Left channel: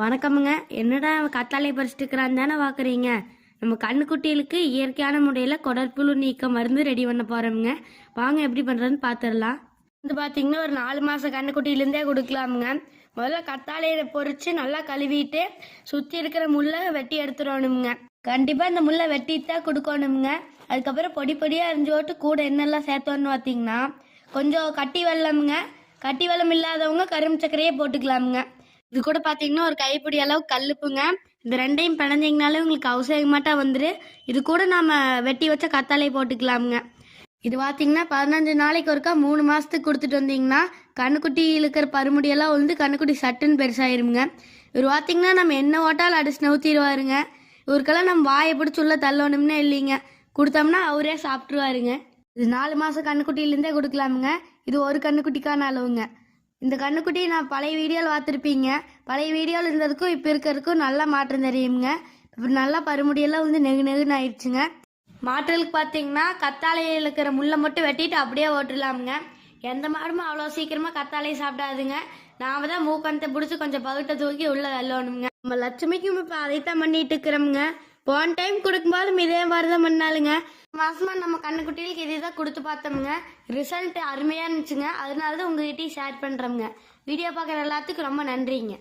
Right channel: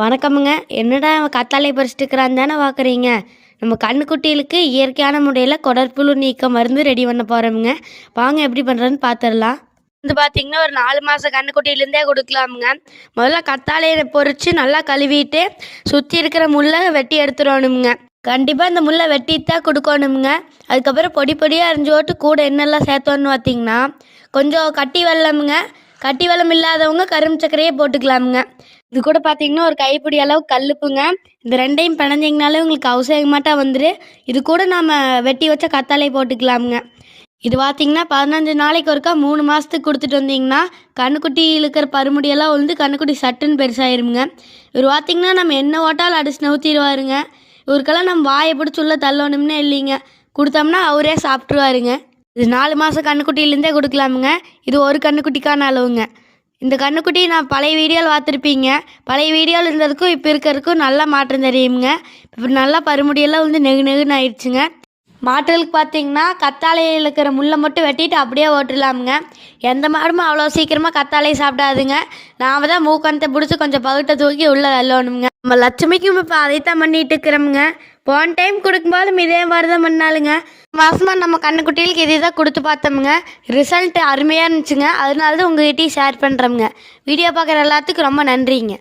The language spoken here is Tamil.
வணக்கமுங்க. என்னடா அவன் கத்தாழைய பறிச்சுட்டு இருக்கிறான்னு தானே பார்க்குறீங்க. நம்ம கன்னுக்குட்டிகளுக்கு இயற்கையான முறையில் குடற்புழு நீக்க மருந்து ரெடி பண்ண போகிறோமுங்க. வாங்க எப்படி பண்ணுறதுன்னு பார்த்துடலாம். வந்து பார்த்தீங்கன்னா ஒரு 4 மாத கன்னுக்குட்டியிலேருந்தே கொடுக்கலாமுங்க. முதல்ல கத்தாழையை பொறிச்சு நல்லா கழுவிட்டு சுற்றி இருக்கிற முள்ளை வெட்டி எடுத்துடணுமுங்க. கண்டிப்பாக இந்த முள்ளை வெட்டித்தான் கொடுக்கணுமுங்க. அதுக்கப்புறம் பொடி பொடியாக அரிஞ்சு போட்டு கூட என்னெல்லாம் சேர்த்தோன்னு பார்த்தீங்கன்னா கொஞ்சம் கட்டி வெல்லமுங்க. கட்டி வெல்லம் இல்லாதவங்க கரும்பு சர்க்கரையே போட்டுக்கலாமுங்க. இது கூட பார்த்தீங்கன்னா ஒரு கைப்பிடி அளவு கல்லுப்புங்க. இந்த ரெண்டையும் பிணைஞ்சிங்கனாலே உங்களுக்கு அவசியமாட்டா வந்துரு. இது கூட நாம் வெட்டி வச்ச கத்தாழை போட்டுக்கலாமுங்க. இது பார்த்தீங்கன்னா 15 நாளைக்கு ஒருக்கா 3 மாதத்துக்கு கொடுத்துட்டு வந்தீங்கன்னா கண்ணுக்குட்டி இழுக்கிற பருமுடியெல்லாம் வந்து கண்ணுக்குட்டி சட்டுன்னு பெருசாயிருங்க. இவர் பார்த்தீங்கன்னா நம்ம என்ன ஓட்டாலும் அடிச்சு நவுத்திடுவாருங்க. இவருக்கெல்லாம் நம்ம வாயை பிடிச்சி உள்ள தள்ளணும்னே இல்லைங்க. கொடுத்தோம்னா அவரே சாப்பிட்ருவாருங்க. இது 4 மாதம் கண்ணுக்குட்டியிலேருந்தே கொடுக்கலாமுங்க. இது ஒரு கண்ணுக்குட்டிக்கான அளவுங்க. இந்த கன்றுக்குட்டி நான் பழைய வீடியோவில் பார்த்துருப்பீங்க. பழைய வீடியோவில் இருந்ததுக்கும் இப்போ இருக்கிறதுக்கும் நல்லா மாற்றம் தெரியுங்க. இப்போ நல்லா பருமுடியெல்லாம் வந்து நெகு நெகுன்னு ஆயிடுச்சுங்க. மாட்டுகளுக்கு பார்த்தீங்கன்னா கத்தாழையில் இருக்கிற முள்ளை மட்டும் வெட்டிட்டு அப்படியே ஓட்டுடலாமுங்க. எந்த மாடுமே அவ்வளோ சீக்கிரமாக கத்தாழையை சாப்பிடாதுங்க. நாம் தான் மூக்கணத்தை பிடிச்சி கொஞ்சம் பகுட்டை தூக்கி உள்ளே தள்ளணுங்க. நம்ம லட்சுமிக்கும் இப்போ அதைத்தான் பண்ணிட்டு இருக்கிறோமுங்க. போன டைம் கொடுக்கும்போதும் இதே மாதிரி தான் பண்ணாலுங்க. மாதமாக நம்ம கண்ணுக்குட்டிகளுக்கு இதே தான் கொடுத்து பார்த்தோமுங்க. ரிசல்ட் அருமையாக இருந்துச்சுங்க. அதனால தான் உங்கள்கிட்டயும் ஷேர் பண்ணுறோமுங்க. வீடியோ பார்க்குற எல்லாத்துக்கும் ரொம்ப நன்றிங்க.